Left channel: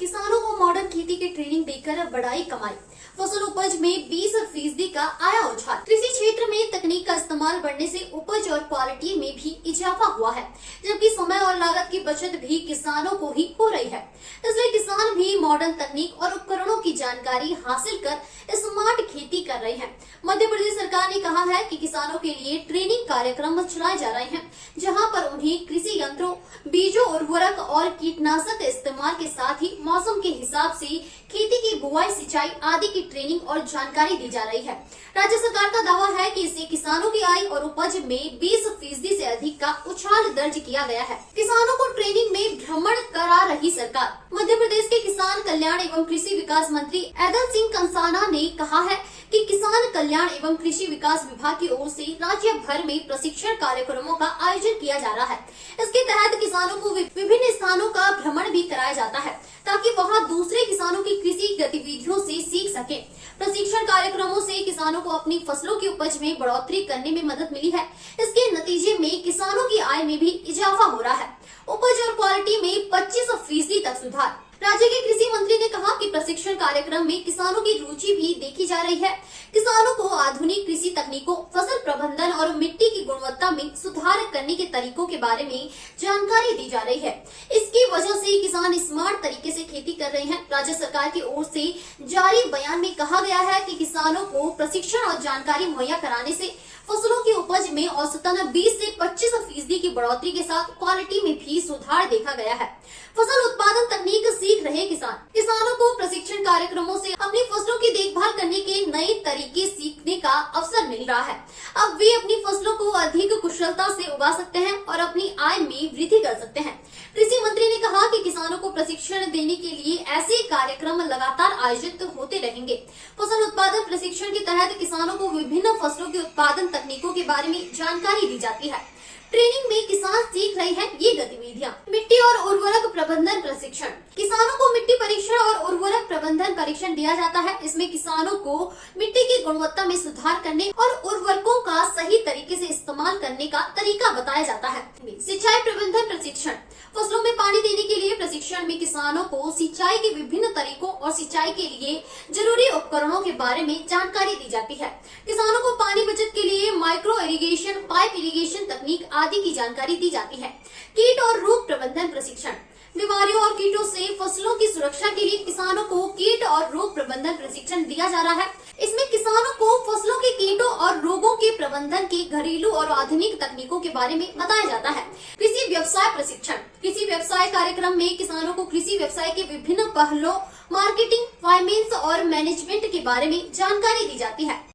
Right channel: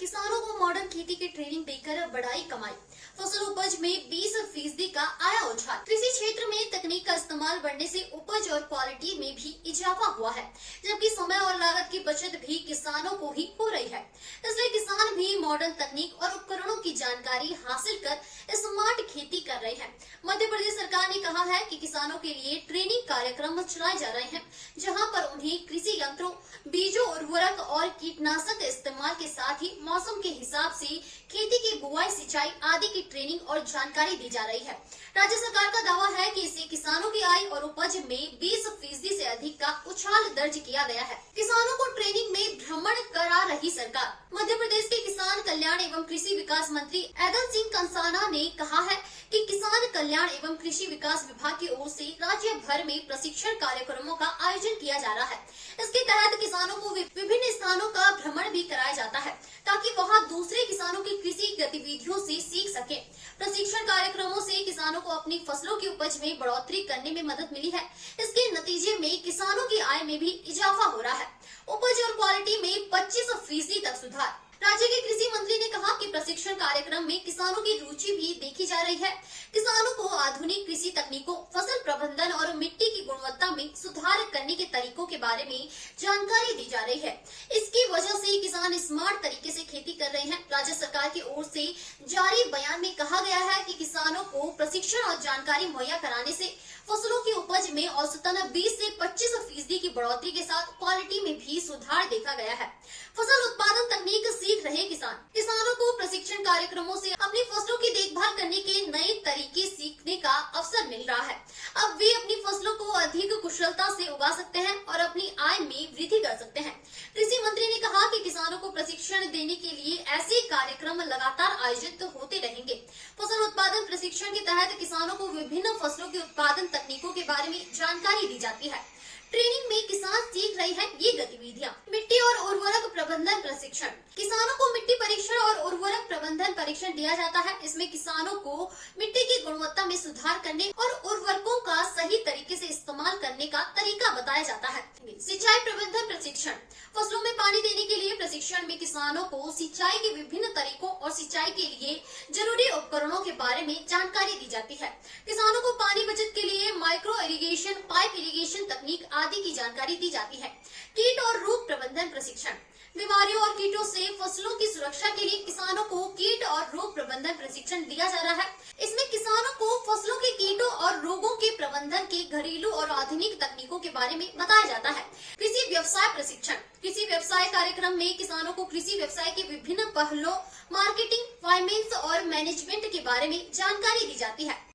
किसानों को मॉडर्न खेती की ट्रेनिंग देकर बढ़ाई कमाई। फसल उपज में 20% का आया उछाल। कृषि क्षेत्र में तकनीक का इस्तेमाल बढ़ने से उपज और क्वालिटी में भी इजाफा हुआ है, जबकि समय और लागत की बचत भी किसानों को ही हो रही है। इसलिए किसान भी मॉडर्न तकनीक और उपकरणों की जानकारी हासिल कर स्मार्ट खेती कर रहे हैं। मध्य प्रदेश सरकार ने कहा है कि किसानों के लिए ट्रेनिंग कार्यक्रम चलाए जा रहे हैं, जहां पर उन्हें कृषि यंत्रों, बीजों, उर्वरक और कीटनाशक इस्तेमाल के साथ ही मौसम के हिसाब से खेती की बुआई, सिंचाई आदि की ट्रेनिंग और जानकारी दी जा रही है। राज्य सरकार का दावा है कि इससे किसानों की आय और उपज में 20% से अधिक का उछाल दर्ज किया गया है। किसानों को ट्रेनिंग में भ्रमण करा रही सरकार। मध्य प्रदेश के किसान कल्याण एवं कृषि विकास मंत्री ऐदल सिंह कंसाना ने कहा है कि किसान कल्याण एवं कृषि विकास विभाग की ओर से राज्य भर में प्रशिक्षण कार्यक्रमों का आयोजन किया जा रहा है। इसके तहत किसानों को विभिन्न स्थानों का भ्रमण भी कराया जाता है, ताकि वहां दूसरे किसानों की कृषि गतिविधियों से सीख सके। प्रशिक्षण कार्यक्रमों से किसानों को अपनी फसलों की उपज में बढ़ोतरी करने में मदद मिली है। इसके नतीजे में किसानों की आय में भी इजाफा हो रहा है। उपज और क्वालिटी में 25% तक सुधार। राज्य के कृषि मंत्री ने कहा कि प्रशिक्षण कार्यक्रम में किसानों की रुचि भी देखी जा रही है। किसानों को आधुनिक कृषि तकनीकों, फसल प्रबंधन और मिट्टी की गुणवत्ता में सुधार करने के तरीकों के बारे में जानकारी दी जा रही है। इसकी वजह से किसान स्मार्ट तरीके से खेती कर रहे हैं। राज्य सरकार की ओर से जारी बयान में कहा गया है कि किसानों को प्रशिक्षण और जानकारी मुहैया कराने से फसलों की उपज में औसतन 20 से 25% की बढ़ोतरी के साथ क्वालिटी में भी सुधार देखा गया है। फसल उत्पादन तकनीक सीख रहे किसानों को प्रशिक्षण कार्यक्रमों से अपनी फसलों की देखभाल करने के नए तरीके सीखने का अवसर मिल रहा है। अब वे अपनी फसलों को अधिक कुशलता से उगा सकते हैं और अपनी आय में वृद्धि कर सकते हैं। कृषि मंत्री ने कहा कि किसानों को प्रशिक्षण देने के लिए ऐसे कार्यक्रम लगातार आयोजित होते रहेंगे। फसल उत्पादन प्रशिक्षण के तहत किसानों को विभिन्न फसलों के उत्पादन तकनीकों के बारे में जानकारी दी जाती है। ट्रेनिंग में किसान सीख रहे हैं ये गतिविधियां। मिट्टी और उर्वरक प्रबंधन प्रशिक्षण। किसानों को मिट्टी परीक्षण और उर्वरक प्रबंधन परीक्षण दिया जाता है। इसमें किसानों को मिट्टी की गुणवत्ता में सुधार करने और उर्वरकों का सही तरीके से इस्तेमाल करने का तरीका बताया जाता है। सिंचाई प्रबंधन प्रशिक्षण। फसलों में पानी देने के लिए प्रशिक्षण में किसानों को सिंचाई के विभिन्न तरीकों और सिंचाई के लिए जरूरी उपकरणों के बारे में जानकारी दी जाती है। किसानों को पानी बचत के लिए माइक्रो इरिगेशन, पाइप इरिगेशन तकनीक आदि की जानकारी दी जाती है। कीट और रोग प्रबंधन प्रशिक्षण। बीमारियों और कीटों से फसलों की सुरक्षा के लिए किसानों को कीट और रोग प्रबंधन प्रशिक्षण दिया जा रहा है। इसमें किसानों को फसलों के कीटों और रोगों के प्रबंधन के घरेलू और आधुनिक तकनीकों के बारे में बताया जाता है। कृषि व्यवसाय प्रशिक्षण। कृषि व्यवसाय कार्यक्रम में किसानों को कृषि व्यवसाय के विभिन्न पहलुओं, मार्केटिंग, फाइनेंस और मैनेजमेंट के बारे में जानकारी दी जाती है।